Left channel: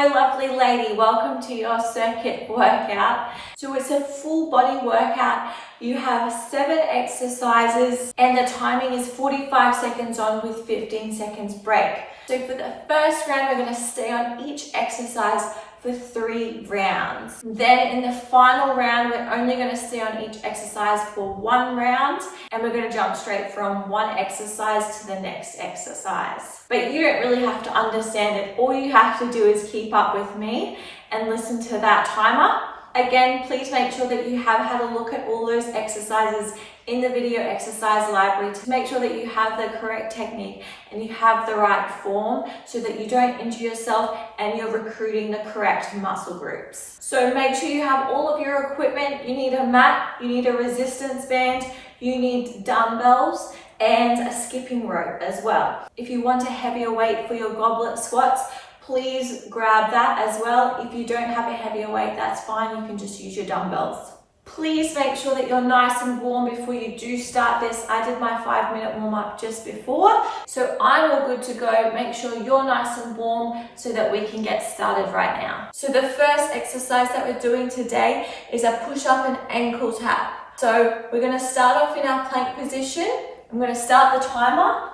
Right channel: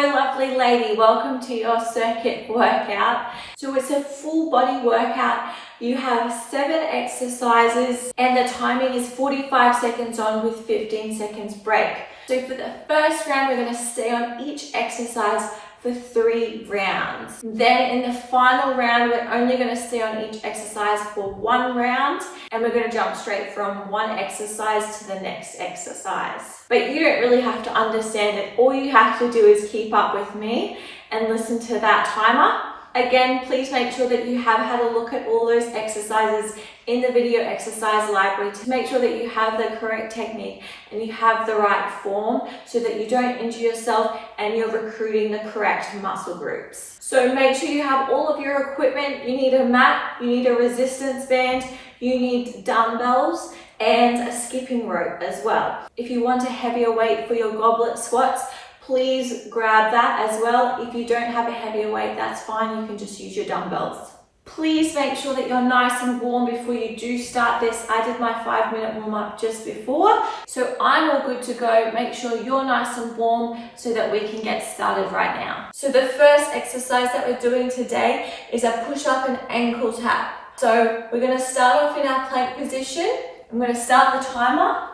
Hello lovely lady, welcome to your circuit workout. So it's a full body workout. You have 7 exercises and the timing is 45 seconds on with 15 seconds break. So for the first round, we're going to stay on each exercise for 3 rounds. Then in the final round, we're only going to stay on each exercise for 1 round and we're going to jump straight from one exercise to the next exercise. But you don't really have to understand it. All you have to do is keep up with me and listen to that timer. Again, please make sure that you have had a look at all those exercises in the video exercise library to make sure that you have the correct technique and you have the right form so that you don't injure yourself and you're recruiting the correct muscle groups. So make sure you have all of your equipment. You need a mat, you need a resistance band, you need dumbbells and a skipping rope as well. If you want a heavier weight for your goblet squats, please grab that as well. If you don't have a heavier weight, that's fine. You can just use your dumbbells. Please make sure that you're nice and warm before you do start this. I did my 5-minute warm up just before, so I'm all good to go. Make sure you're nice and warm so that we can get started right now. So the first exercise that we're doing today is a push-up and ankle tap. So we're going to start off in our plank position. I'm going to start the timer.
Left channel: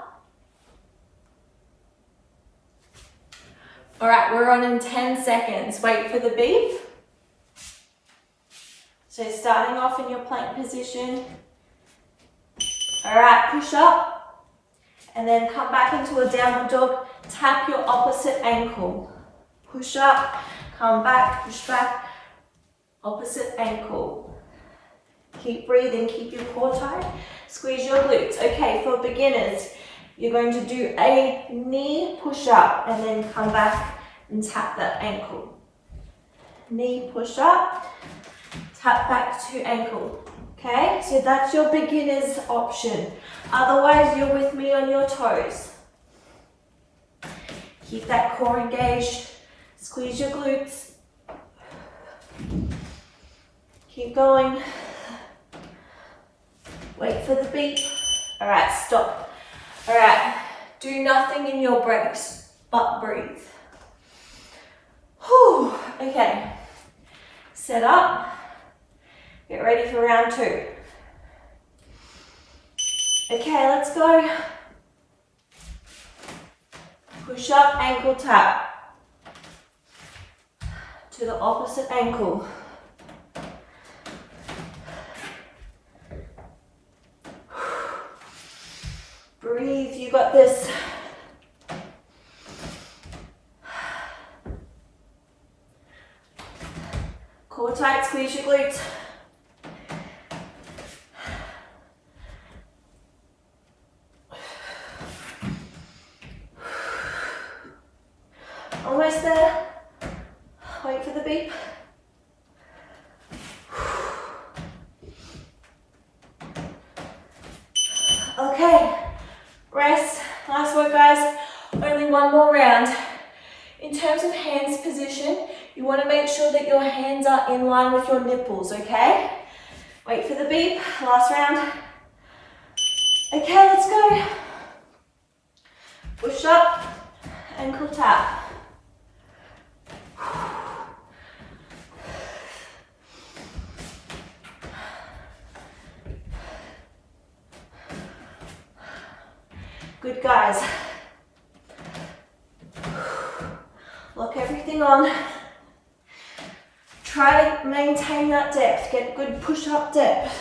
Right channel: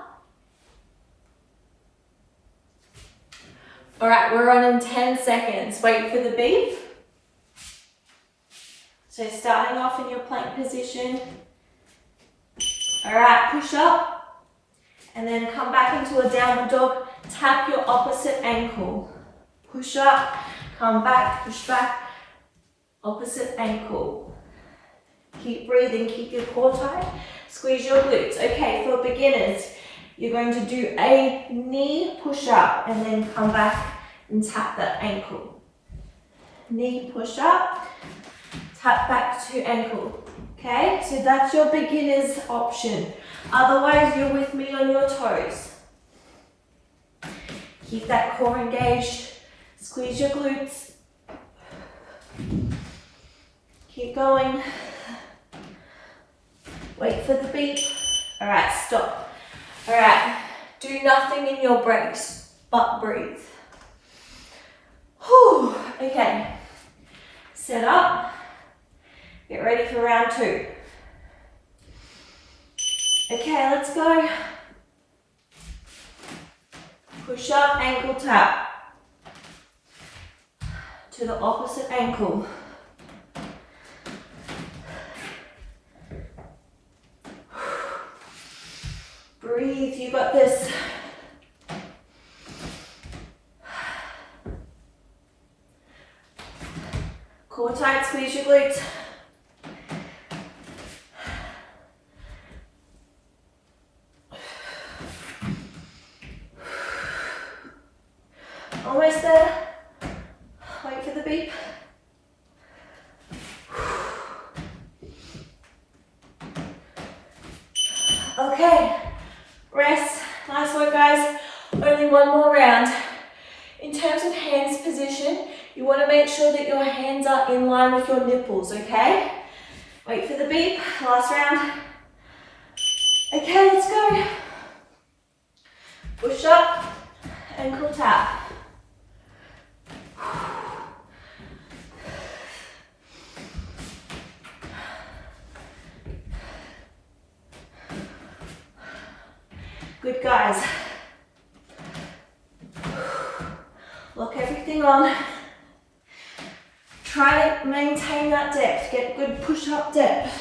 All right, we're on in 10 seconds. Wait for the beep. So starting off in your plank position. All right, push up and then come back into a downward dog. Tap your opposite ankle. Push up, come back, push back, opposite ankle. Keep breathing, keep your core tight. Squeeze your glutes. Okay, for beginners, you're going to do a knee push up and then come back and tap that ankle. Knee push up, tap back to ankle. Okay, so that's your beginner's option. Otherwise, you're with me on your toes. Keep that core engaged. Squeeze your glutes. Keep going. Wait for the beep. All right, stop. All right, do nothing in your breaks, but breathe. Whew. Okay, set up. Get ready for round 2. Okay, let's go. Push up, ankle tap. To the opposite ankle. Breathe, you got this. Core tight, squeeze your glutes. Almost there. Wait for the beep. Okay. Rest. Nice work, guys. Only one more round. In terms of hands position, you want to make sure that your hands are in line with your nipples, okay? Wait for the beep. Last round. Okay, let's go. Push up, ankle tap. Good, guys. Lock everything on. Try to maintain that depth. Get good push-up depth.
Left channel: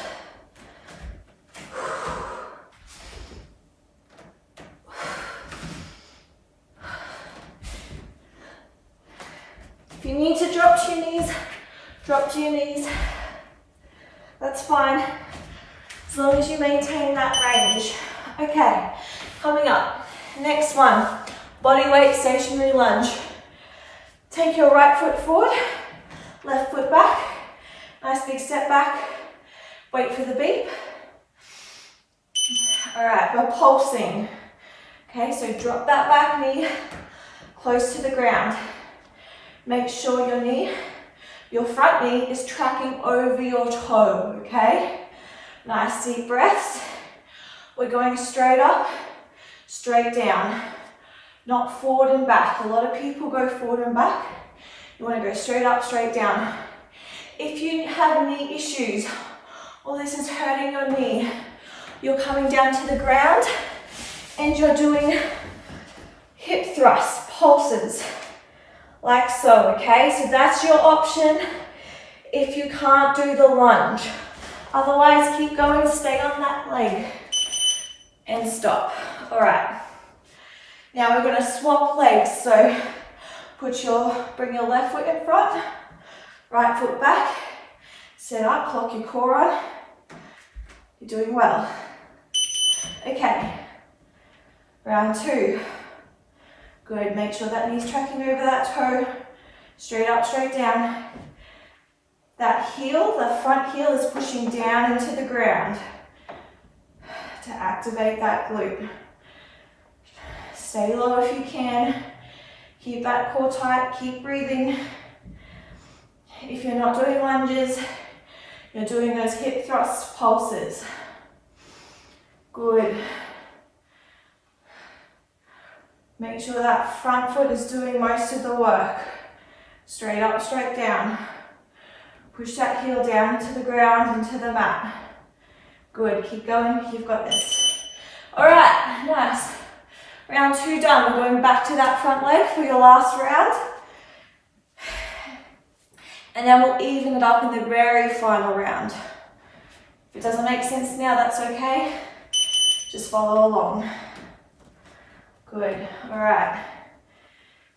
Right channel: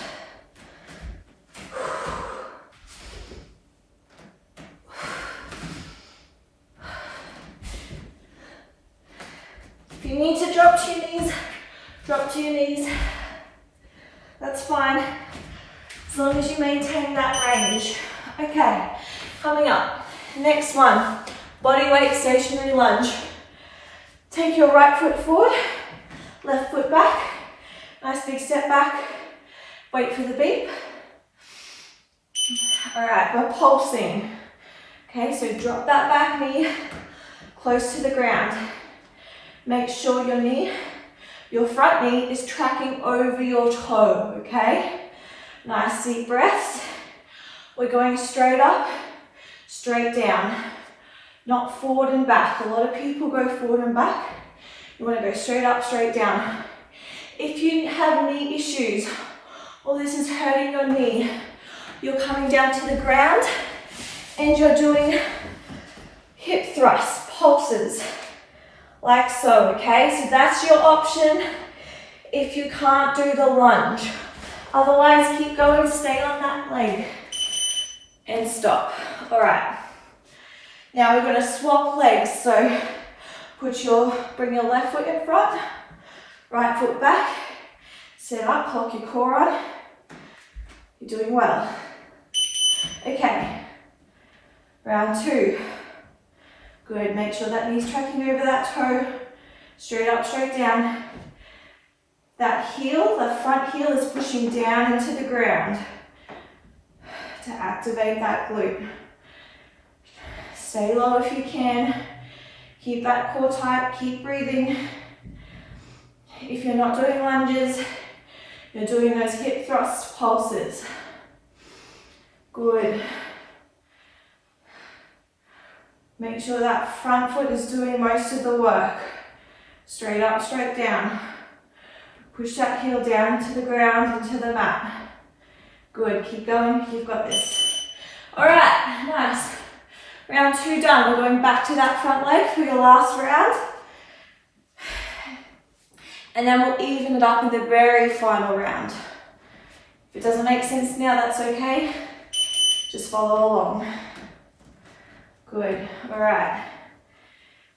If you need to drop to your knees, drop to your knees. That's fine, as long as you maintain that range. Okay, coming up. Next one, body weight stationary lunge. Take your right foot forward, left foot back. Nice big step back. Wait for the beep. All right, we're pulsing. Okay, so drop that back knee close to the ground. Make sure your front knee is tracking over your toe, okay? Nice deep breaths. We're going straight up, straight down, not forward and back. A lot of people go forward and back. You want to go straight up, straight down. If you have knee issues, or this is hurting your knee, you're coming down to the ground and you're doing hip thrusts, pulses, like so, okay? So that's your option if you can't do the lunge. Otherwise, keep going, stay on that leg and stop. All right. Now we're gonna swap legs. So bring your left foot in front, right foot back, sit up, lock your core on. You're doing well. Okay, round 2. Good, make sure that knee's tracking over that toe. Straight up, straight down. That heel, the front heel is pushing down into the ground to activate that glute. Stay low if you can. Keep that core tight, keep breathing. If you're not doing lunges, you're doing those hip thrust pulses. Good. Make sure that front foot is doing most of the work. Straight up, straight down. Push that heel down into the ground, into the mat. Good, keep going, you've got this. All right, nice. Round 2 done. We're going back to that front leg for your last round. And then we'll even it up in the very final round. If it doesn't make sense now, that's okay. Just follow along. Good, all right.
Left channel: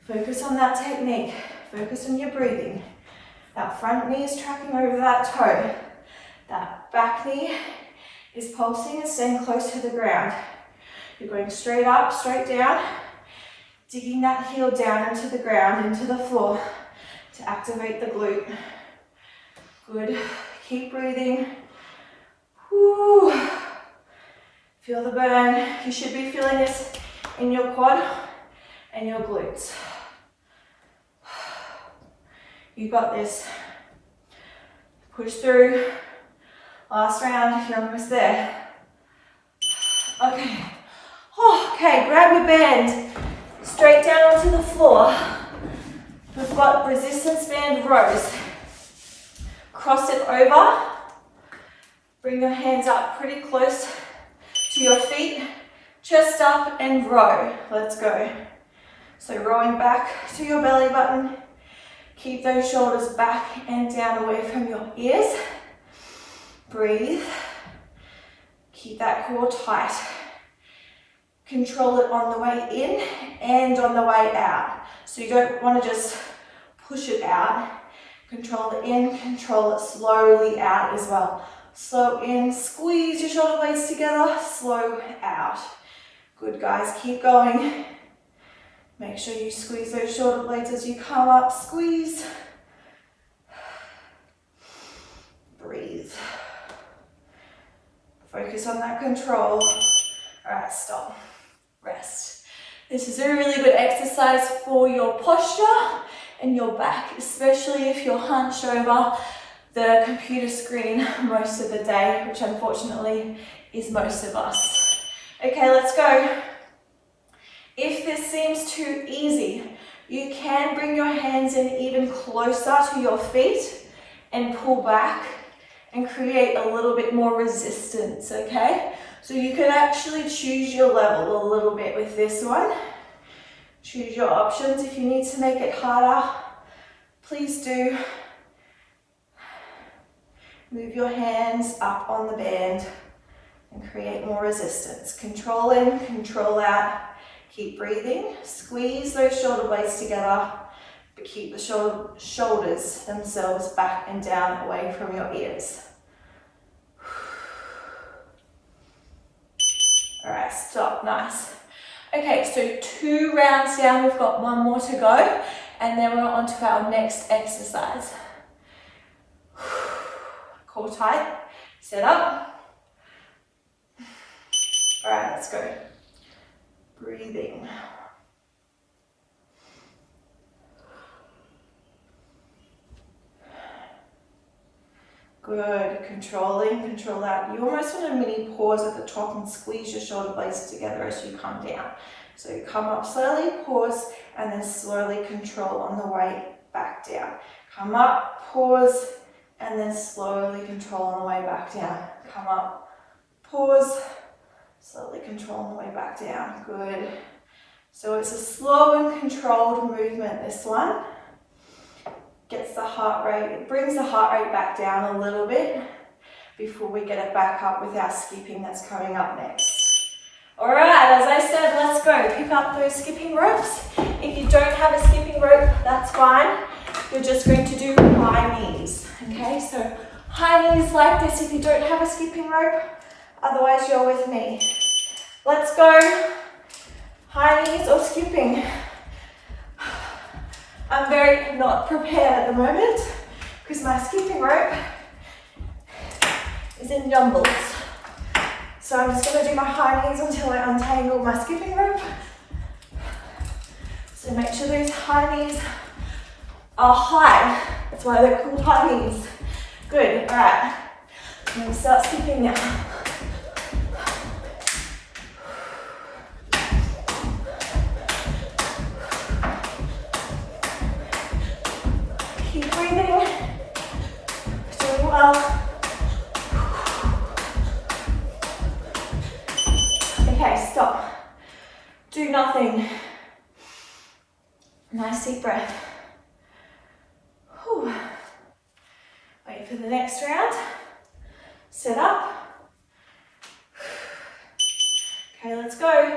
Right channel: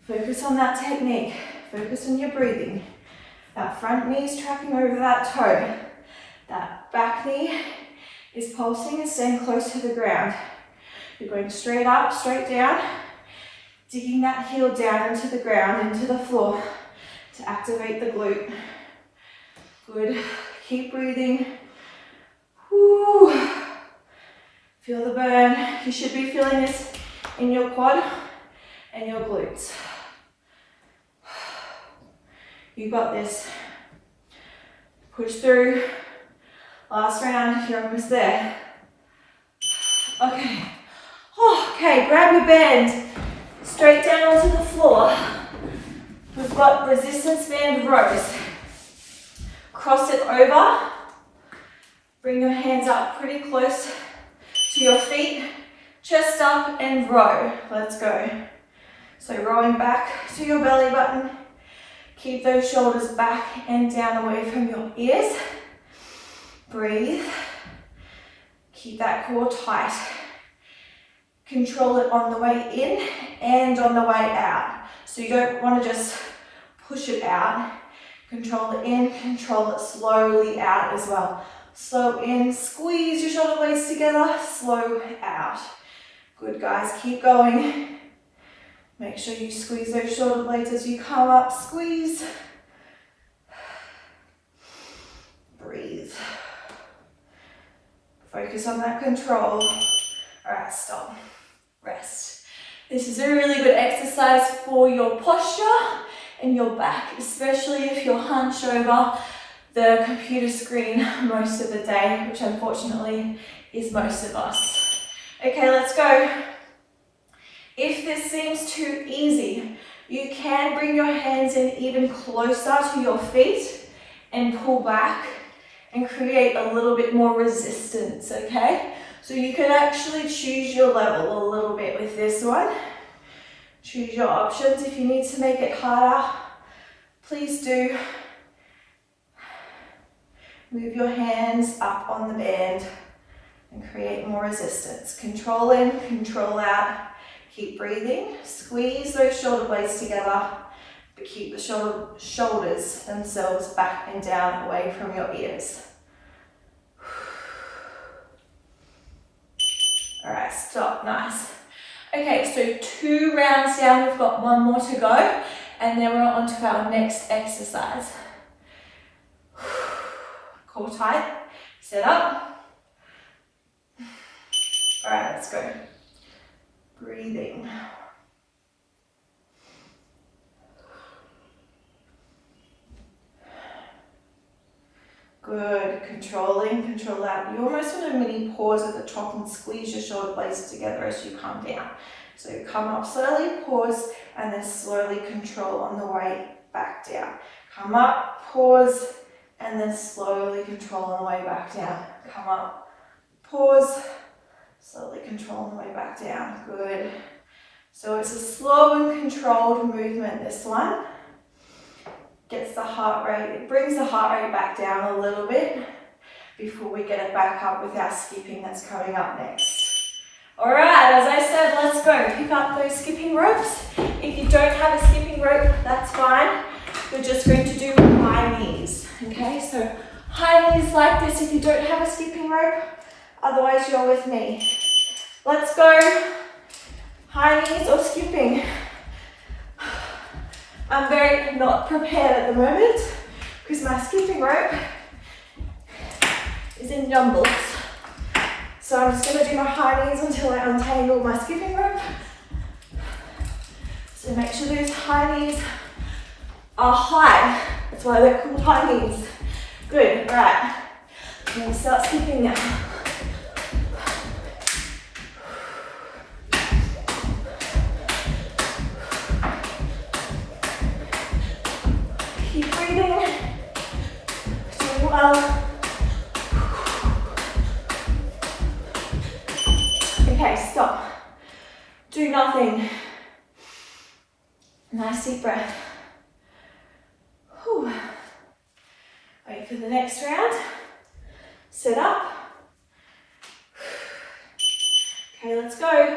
Focus on that technique. Focus on your breathing. That front knee is tracking over that toe. That back knee is pulsing and staying close to the ground. You're going straight up, straight down, digging that heel down into the ground, into the floor to activate the glute. Good, keep breathing. Woo. Feel the burn. You should be feeling this in your quad and your glutes. You got this. Push through. Last round, you're almost there. Okay. Oh, okay, grab your band. Straight down onto the floor. We've got resistance band rows. Cross it over. Bring your hands up pretty close to your feet. Chest up and row. Let's go. So rowing back to your belly button. Keep those shoulders back and down away from your ears. Breathe. Keep that core tight. Control it on the way in and on the way out. So you don't want to just push it out. Control it in, control it slowly out as well. Slow in, squeeze your shoulder blades together, slow out. Good guys, keep going. Make sure you squeeze those shoulder blades as you come up, squeeze. Breathe. Focus on that control. All right, stop. Rest. This is a really good exercise for your posture and your back, especially if you're hunched over the computer screen most of the day, which unfortunately is most of us. Okay, let's go. If this seems too easy, you can bring your hands in even closer to your feet and pull back and create a little bit more resistance, okay? So you can actually choose your level a little bit with this one. Choose your options. If you need to make it harder, please do. Move your hands up on the band and create more resistance. Control in, control out. Keep breathing. Squeeze those shoulder blades together, but keep the shoulders themselves back and down away from your ears. All right, stop, nice. Okay, so 2 rounds down, we've got 1 more to go, and then we're on to our next exercise. Core tight, sit up. All right, let's go. Breathing. Good, control out. You almost want a mini pause at the top and squeeze your shoulder blades together as you come down. So you come up slowly, pause, and then slowly control on the way back down. Come up, pause, and then slowly control on the way back down. Come up, pause, slowly control on the way back down. Good. So it's a slow and controlled movement, this one. Gets the heart rate, it brings the heart rate back down a little bit before we get it back up with our skipping that's coming up next. All right, as I said, let's go. Pick up those skipping ropes. If you don't have a skipping rope, that's fine. We're just going to do high knees, okay? So high knees like this if you don't have a skipping rope. Otherwise, you're with me. Let's go. High knees or skipping. I'm very not prepared at the moment because my skipping rope is in jumbles. So I'm just going to do my high knees until I untangle my skipping rope. So make sure those high knees are high. That's why they're called high knees. Good, all right. I'm going to start skipping now. Keep breathing. Doing well. Okay, stop. Do nothing. Nice deep breath. Whew. Wait for the next round. Sit up. Okay, let's go.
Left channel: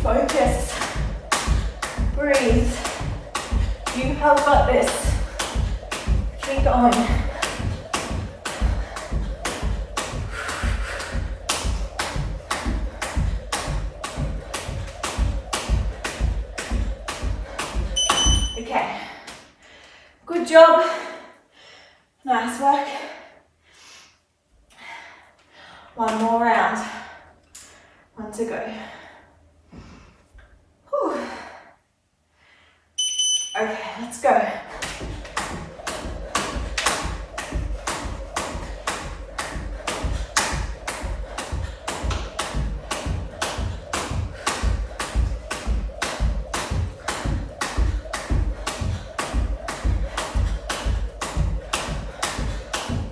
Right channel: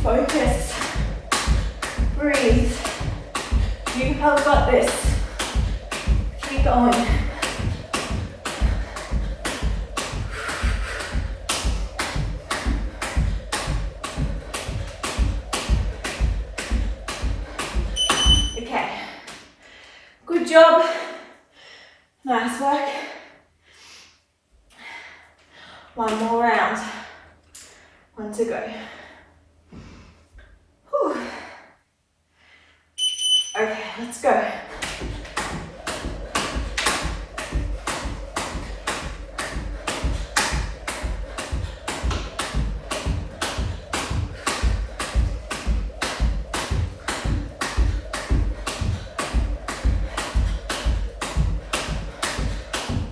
Focus. Breathe. You have got this. Keep going. Okay. Good job. Nice work. One more round. One to go. Whew. Okay, let's go.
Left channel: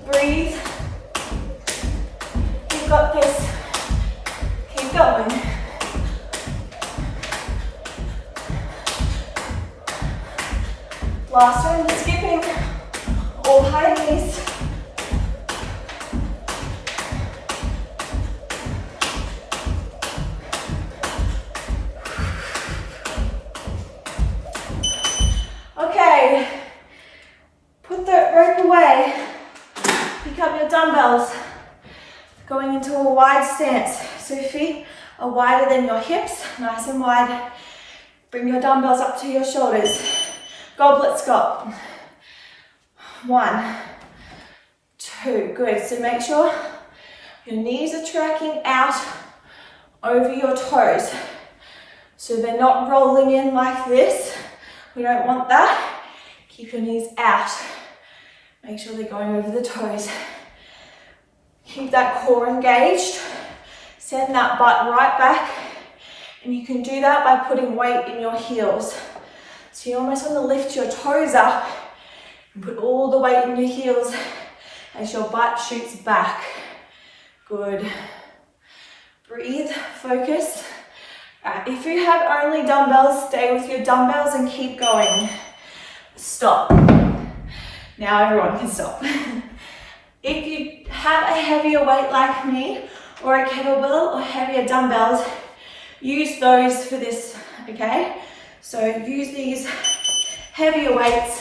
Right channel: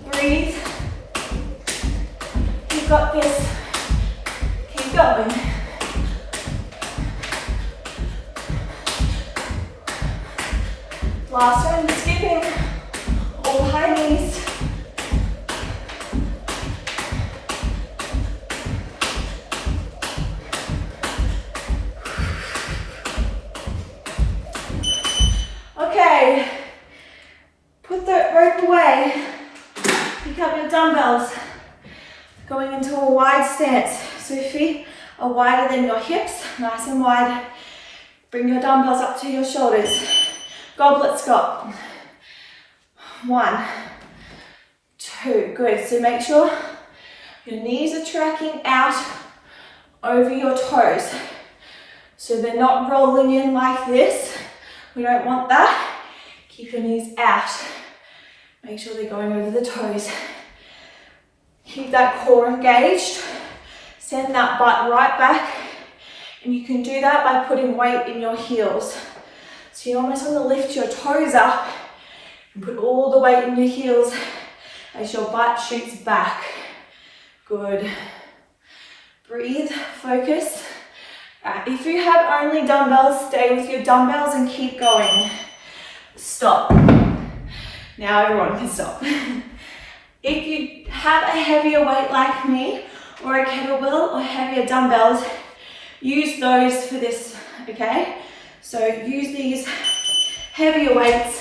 Breathe. You've got this. Keep going. Last one, skipping, all high knees. Okay, put the rope away, pick up your dumbbells, going into a wide stance. So your feet are wider than your hips, nice and wide. Bring your dumbbells up to your shoulders. Goblet squat. 1, 2, good. So make sure your knees are tracking out over your toes. So they're not rolling in like this. We don't want that. Keep your knees out. Make sure they're going over the toes. Keep that core engaged. Send that butt right back. And you can do that by putting weight in your heels. So you almost want to lift your toes up and put all the weight in your heels as your butt shoots back. Good. Breathe, focus. If you have only dumbbells, stay with your dumbbells and keep going. Stop. Now everyone can stop. If you have a heavier weight like me, or a kettlebell or heavier dumbbells, use those for this, okay? So use these heavier weights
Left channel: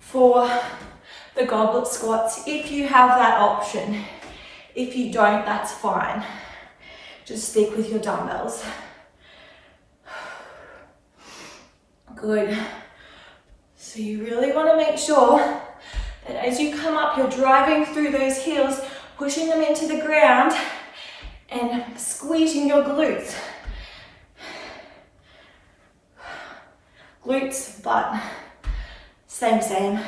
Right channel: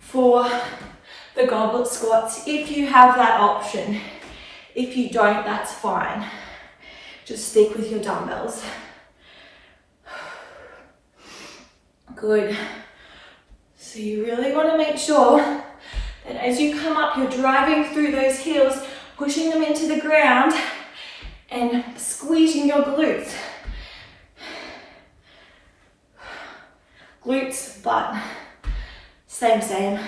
for the goblet squats if you have that option. If you don't, that's fine. Just stick with your dumbbells. Good. So you really want to make sure that as you come up, you're driving through those heels, pushing them into the ground and squeezing your glutes. Glutes, butt, same.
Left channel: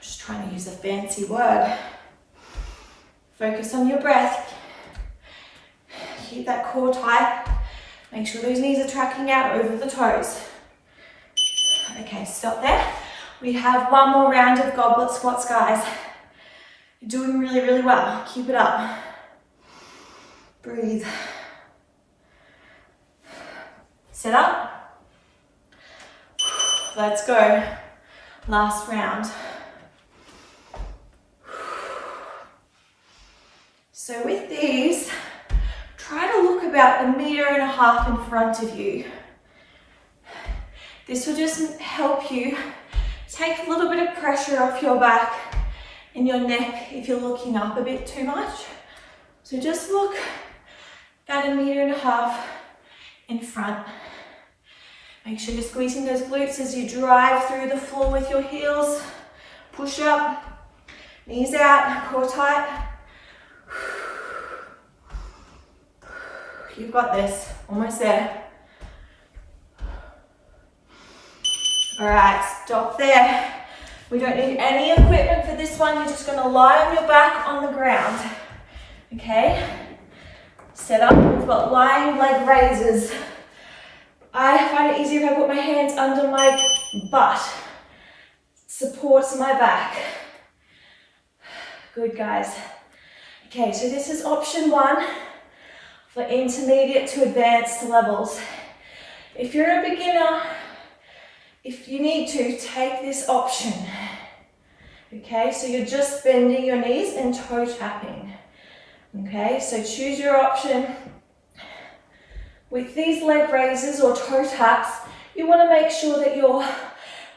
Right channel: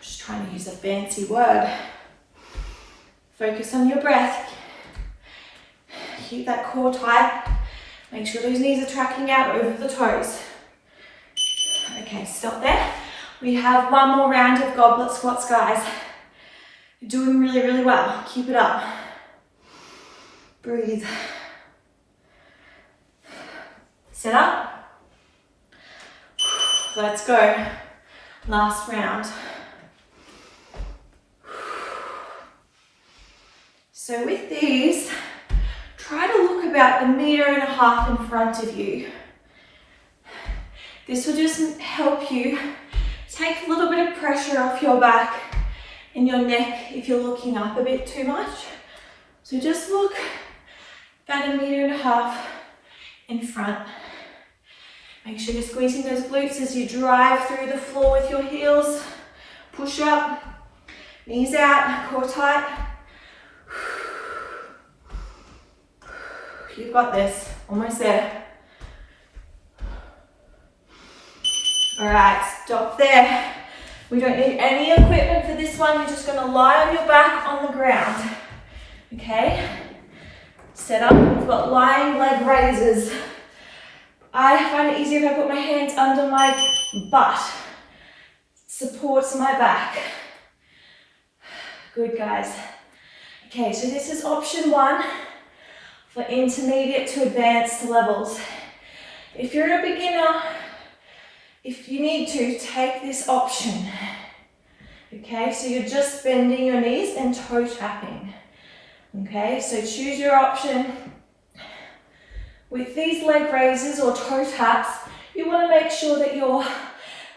Just trying to use a fancy word. Focus on your breath. Keep that core tight. Make sure those knees are tracking out over the toes. Okay, stop there. We have one more round of goblet squats, guys. You're doing really, really well. Keep it up. Breathe. Sit up. Let's go. Last round. So with these, try to look about 1.5 meters in front of you. This will just help you take a little bit of pressure off your back and your neck if you're looking up a bit too much. So just look about 1.5 meters in front. Make sure you're squeezing those glutes as you drive through the floor with your heels. Push up, knees out, core tight. You've got this, almost there. All right, stop there. We don't need any equipment for this one. You're just gonna lie on your back on the ground, okay? Set up, we've got lying leg raises. I find it easier if I put my hands under my butt. Supports my back. Good, guys. Okay, so this is option 1 for intermediate to advanced levels. If you're a beginner, if you need to, take this option. Okay, so you're just bending your knees and toe tapping. Okay, so choose your option. With these leg raises or toe taps, you want to make sure that your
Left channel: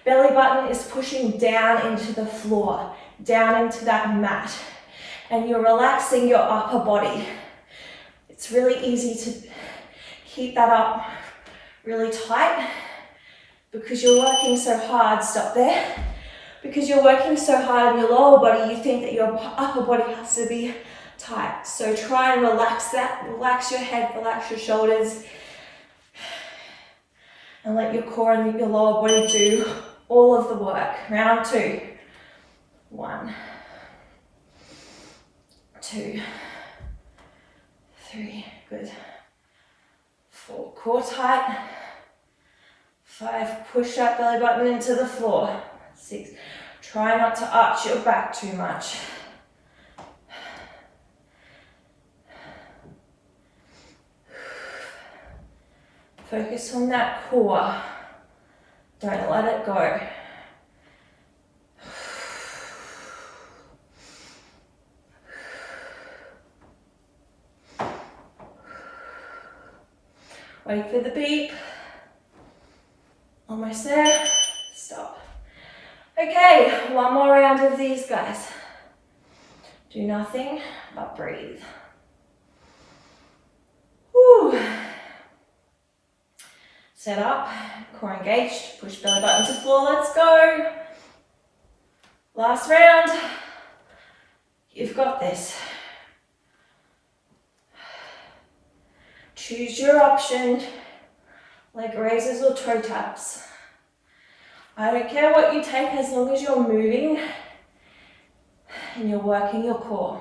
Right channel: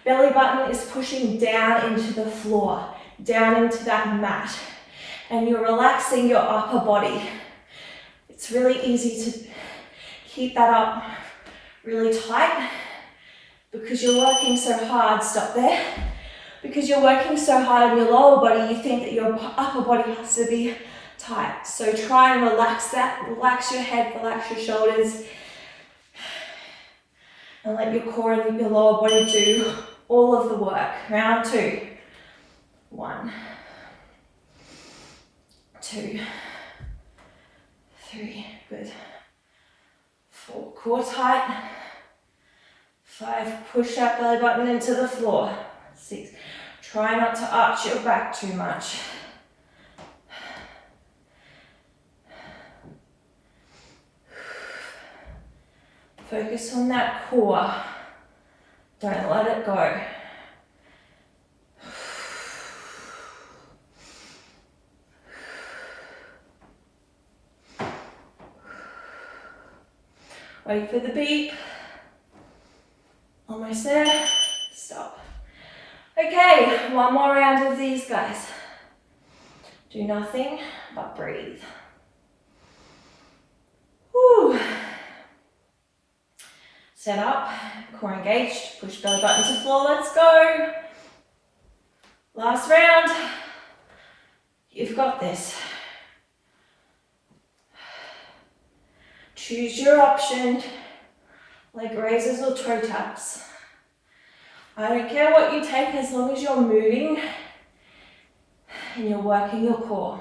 belly button is pushing down into the floor, down into that mat, and you're relaxing your upper body. It's really easy to keep that up really tight because you're working so hard. Stop there. Because you're working so hard on your lower body, you think that your upper body has to be tight. So try and relax that. Relax your head, relax your shoulders, and let your core and your lower body do all of the work. Round 2. 1, 2, 3, good. 4, core tight. 5, push that belly button into the floor. 6, try not to arch your back too much. Focus on that core. Don't let it go. Wait for the beep. Almost there. Stop. Okay, one more round of these, guys. Do nothing but breathe. Whew. Set up, core engaged, push belly button to floor, let's go. Last round. You've got this. Choose your option, leg raises or toe taps. I don't care what you take as long as you're moving and you're working your core.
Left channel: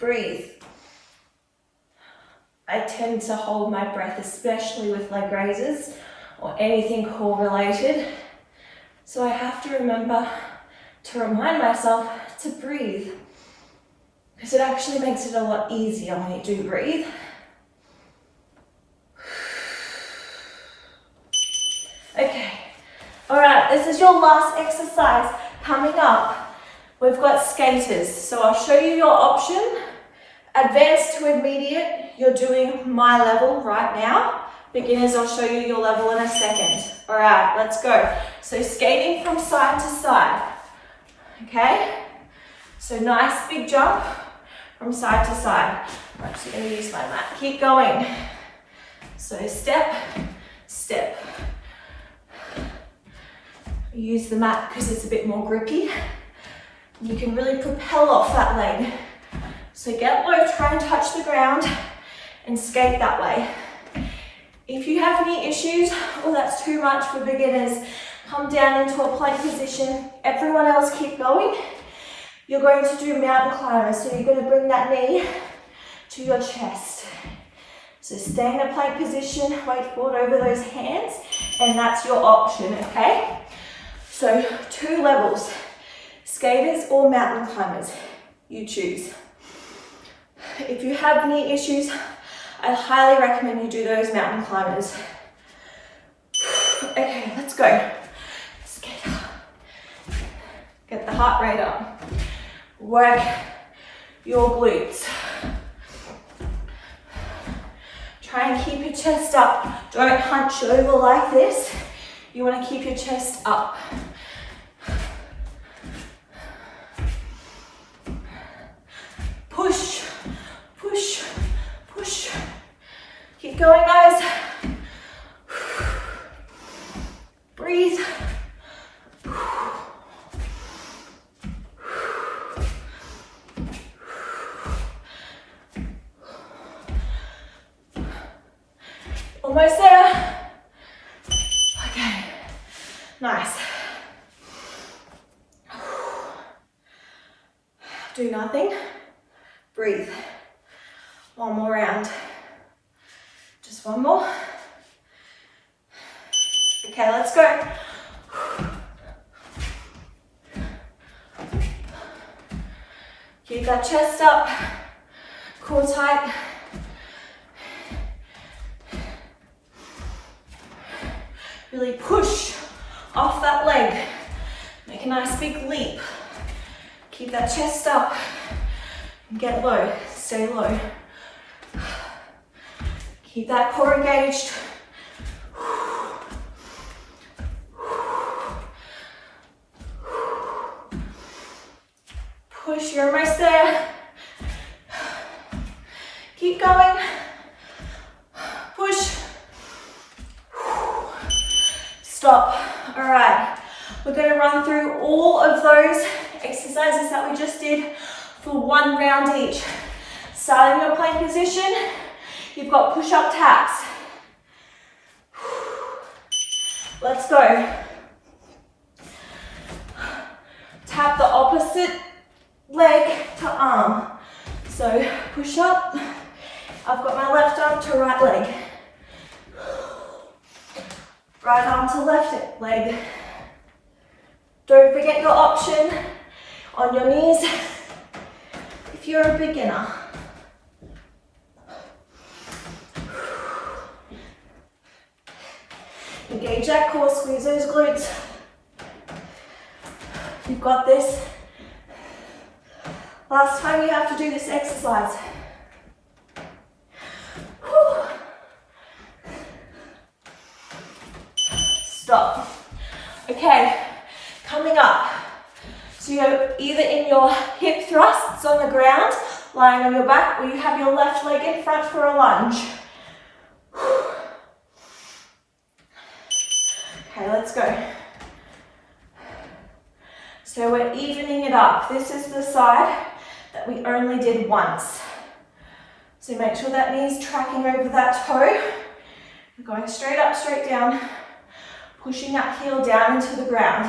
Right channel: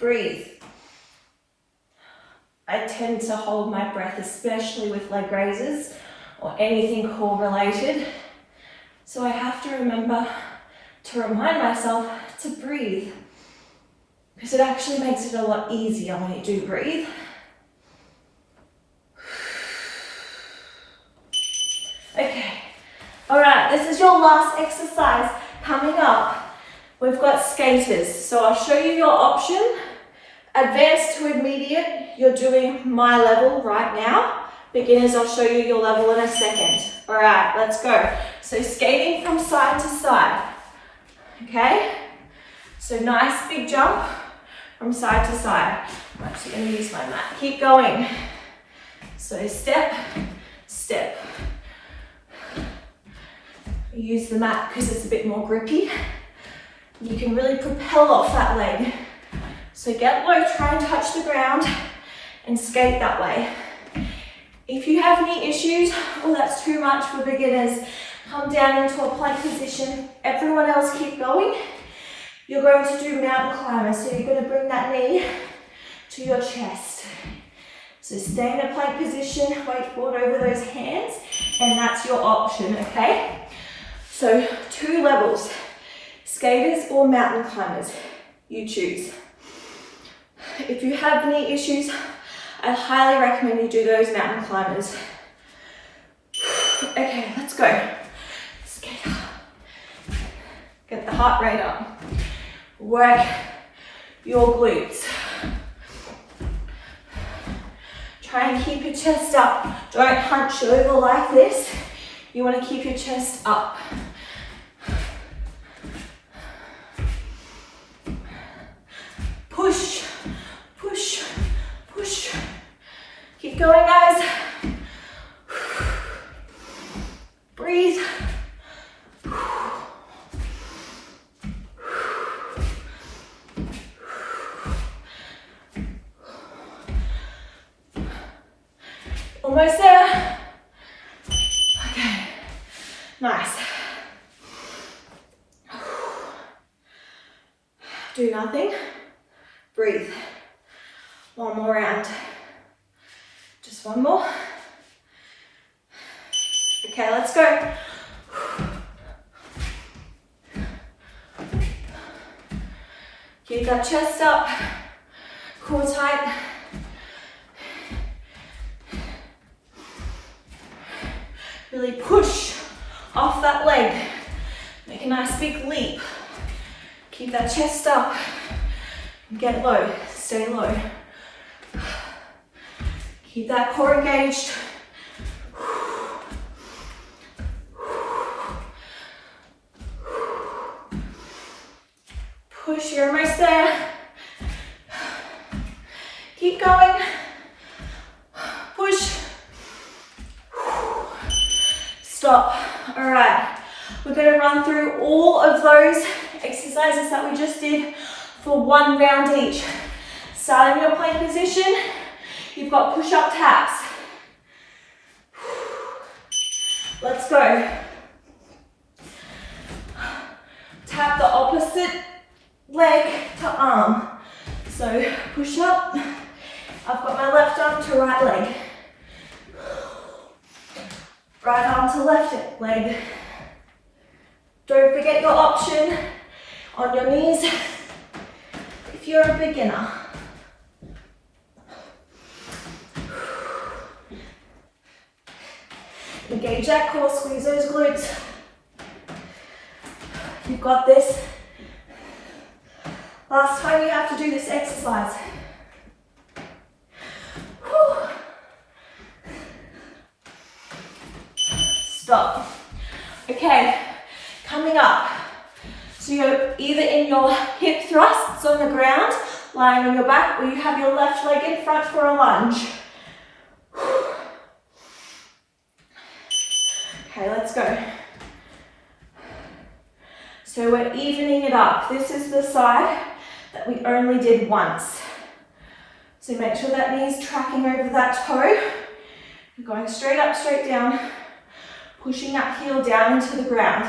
Breathe. I tend to hold my breath, especially with leg raises or anything core related. So I have to remember to remind myself to breathe, because it actually makes it a lot easier when you do breathe. Okay, all right, this is your last exercise. Coming up, we've got skaters. So I'll show you your option. Advanced to immediate, you're doing my level right now. Beginners, I'll show you your level in a second. All right, let's go. So skating from side to side, okay? So nice big jump from side to side. I'm actually gonna use my mat. Keep going. So step, step. Use the mat because it's a bit more grippy. You can really propel off that leg. So get low, try and touch the ground and skate that way. If you have knee issues, or that's too much for beginners, come down into a plank position. Everyone else keep going. You're going to do mountain climbers, so you're going to bring that knee to your chest. So stay in a plank position, weight forward over those hands, and that's your option, okay? So 2 levels, skaters or mountain climbers, you choose. If you have knee issues, I highly recommend you do those mountain climbers. Okay, let's go. Skate up. Get the heart rate up. Work your glutes. Try and keep your chest up. Don't hunch over like this. You want to keep your chest up. Push, push, push. Keep going, guys. Breathe. Almost there. Okay, nice. Do nothing. Breathe. One more round. Just one more. Okay, let's go. Keep that chest up. Core tight. Really push off that leg. Make a nice big leap. Keep that chest up. Get low, stay low. Keep that core engaged. Push, you're almost there. Keep going. Push. Stop. All right, we're going to run through all of those exercises that we just did for 1 round each. Starting your plank position, you've got push-up taps. Let's go. Tap the opposite leg to arm. So push up. I've got my left arm to right leg. Right arm to left leg. Don't forget your option on your knees if you're a beginner. Engage that core, squeeze those glutes. You've got this. Last time you have to do this exercise. Whew. Stop. Okay, coming up. So you're either in your hip thrusts on the ground, lying on your back, or you have your left leg in front for a lunge. Okay, let's go. So we're evening it up. This is the side that we only did once. So make sure that knee's tracking over that toe. You're going straight up, straight down, pushing that heel down into the ground.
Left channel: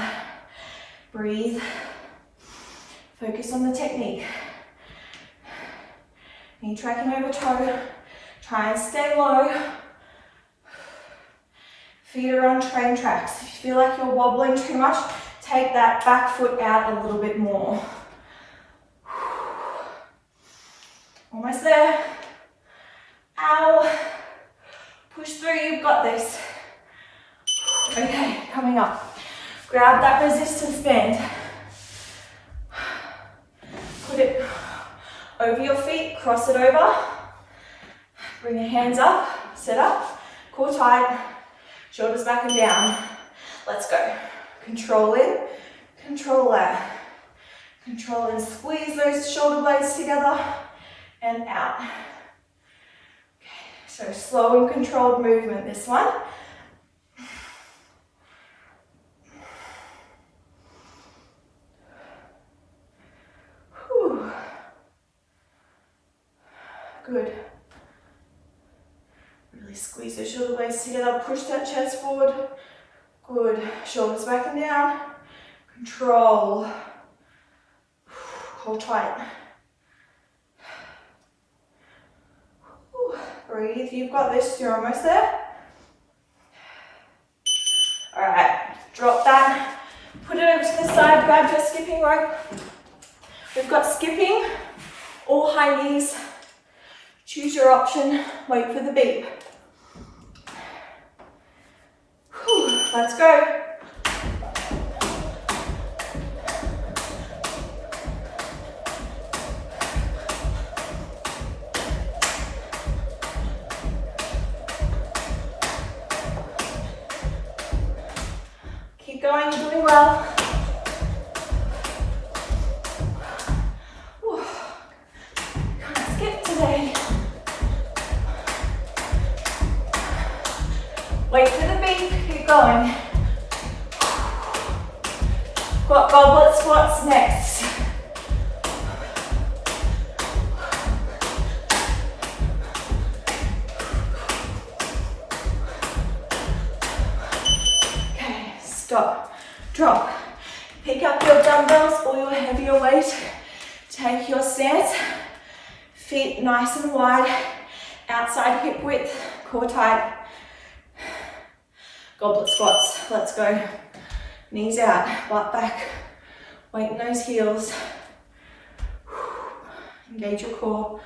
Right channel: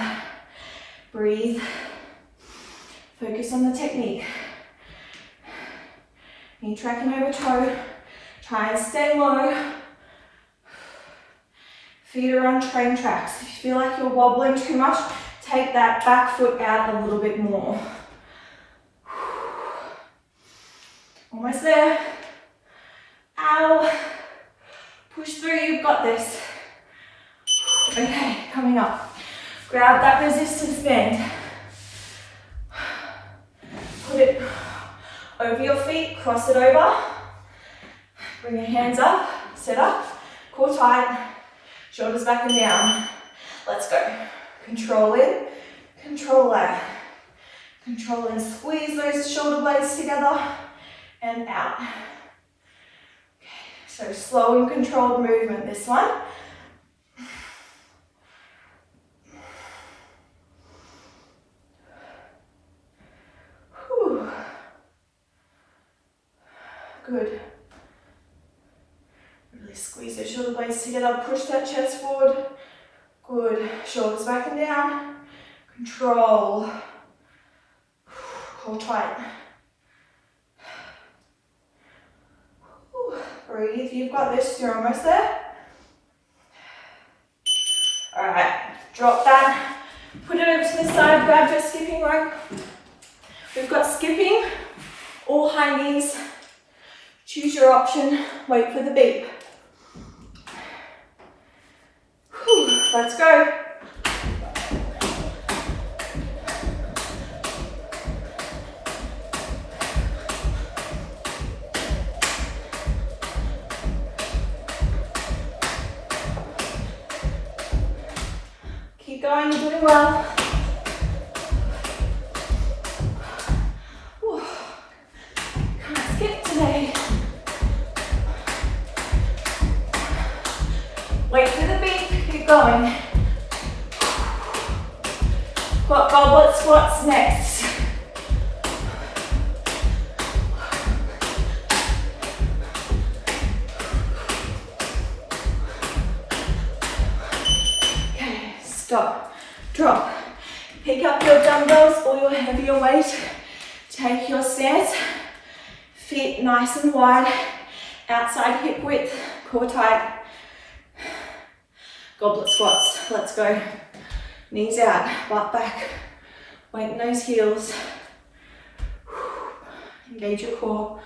Breathe. Focus on the technique. Knee tracking over toe. Try and stay low. Feet are on train tracks. If you feel like you're wobbling too much, take that back foot out a little bit more. Almost there. Ow. Push through, you've got this. Okay, coming up. Grab that resistance band. Put it over your feet, cross it over. Bring your hands up, sit up, core tight, shoulders back and down. Let's go. Control in, control out. Control in, squeeze those shoulder blades together and out. Okay, so slow and controlled movement, this one. Good. Really squeeze those shoulder blades together, push that chest forward. Good. Shoulders back and down. Control. Hold tight. Breathe. You've got this. You're almost there. Alright. Drop that. Put it over to the side. Grab your skipping rope. We've got skipping or high knees. Choose your option. Wait for the beep. Whew. Let's go. Keep going, you're doing well. Whew. Can't skip today. Wait for the beep, keep going. Got goblet squats next. Okay, stop, drop. Pick up your dumbbells or your heavier weight. Take your stance. Feet nice and wide. Outside hip width, core tight. Goblet squats, let's go. Knees out, butt back, weight in those heels. Engage your core.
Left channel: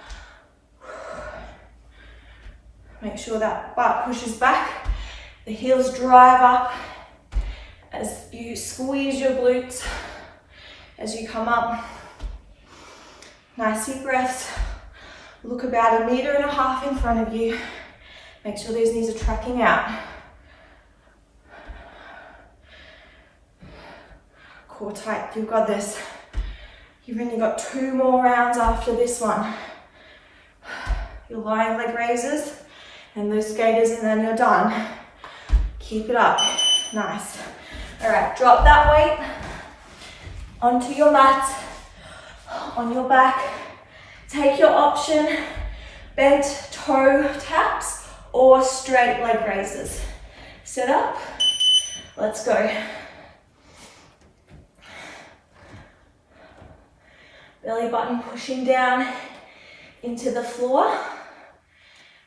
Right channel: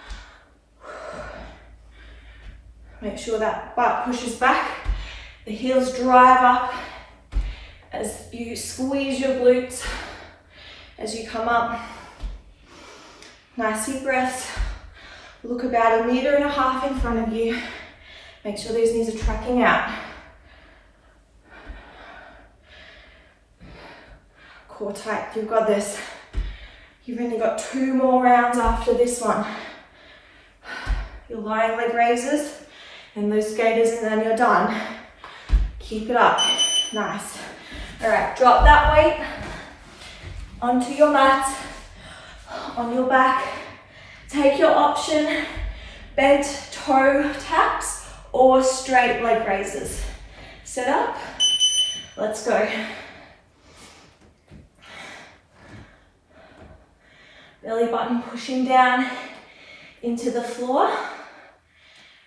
Make sure that butt pushes back, the heels drive up as you squeeze your glutes as you come up. Nice deep breaths. Look about 1.5 meters in front of you. Make sure those knees are tracking out. Core tight, you've got this. You've only got 2 more rounds after this one. Your lying leg raises and those skaters, and then you're done. Keep it up, nice. All right, drop that weight onto your mat, on your back. Take your option, bent toe taps or straight leg raises. Sit up, let's go. Belly button pushing down into the floor.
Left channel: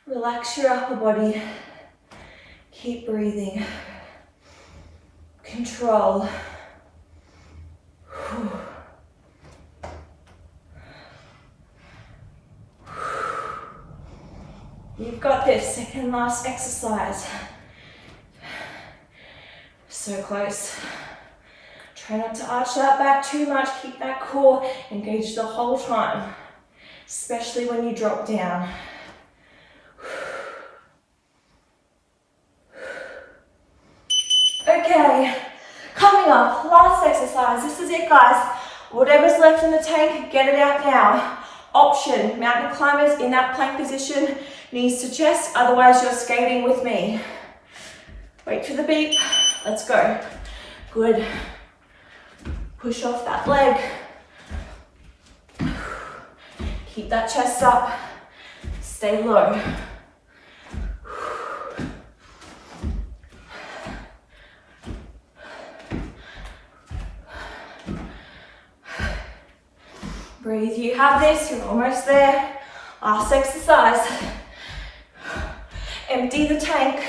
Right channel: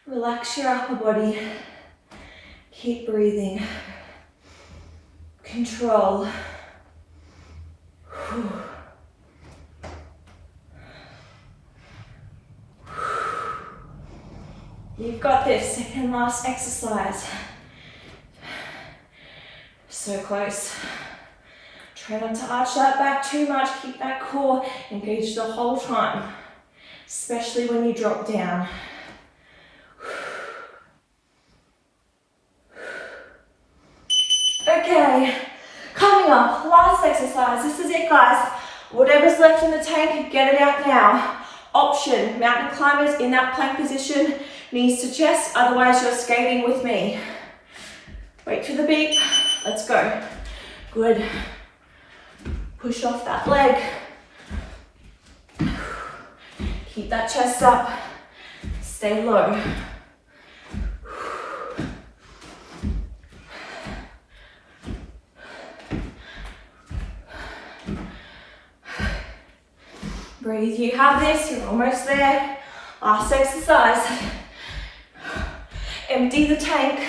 Relax your upper body. Keep breathing. Control. You've got this. Second last exercise. So close. Try not to arch that back too much. Keep that core engaged the whole time, especially when you drop down. Okay, coming up, last exercise. This is it, guys. Whatever's left in the tank, get it out now. Option, mountain climbers in that plank position, knees to chest, otherwise you're skating with me. Wait for the beep, let's go. Good. Push off that leg. Keep that chest up. Stay low. Breathe, you have this, you're almost there. Last exercise. Empty the tank.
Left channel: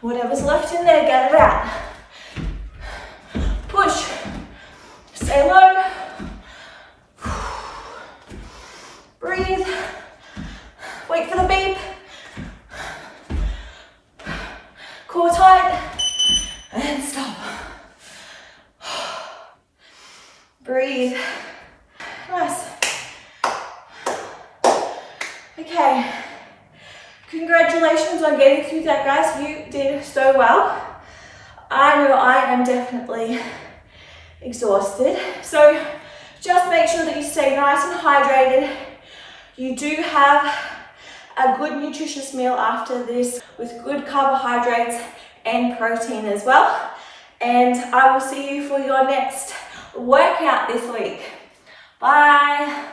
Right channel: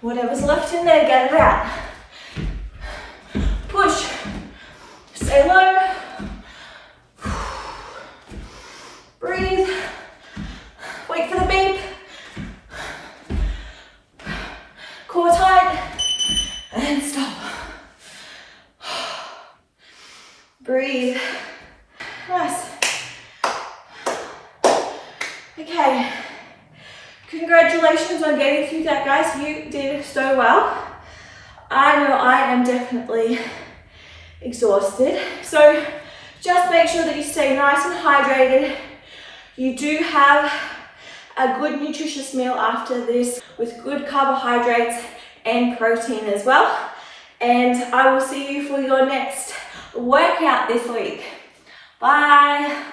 Whatever's left in there, get it out. Push. Stay low. Breathe. Wait for the beep. Core tight. And stop. Breathe. Nice. Okay. Congratulations on getting through that, guys. You did so well. I know I am definitely exhausted. So just make sure that you stay nice and hydrated. You do have a good nutritious meal after this with good carbohydrates and protein as well. And I will see you for your next workout this week. Bye.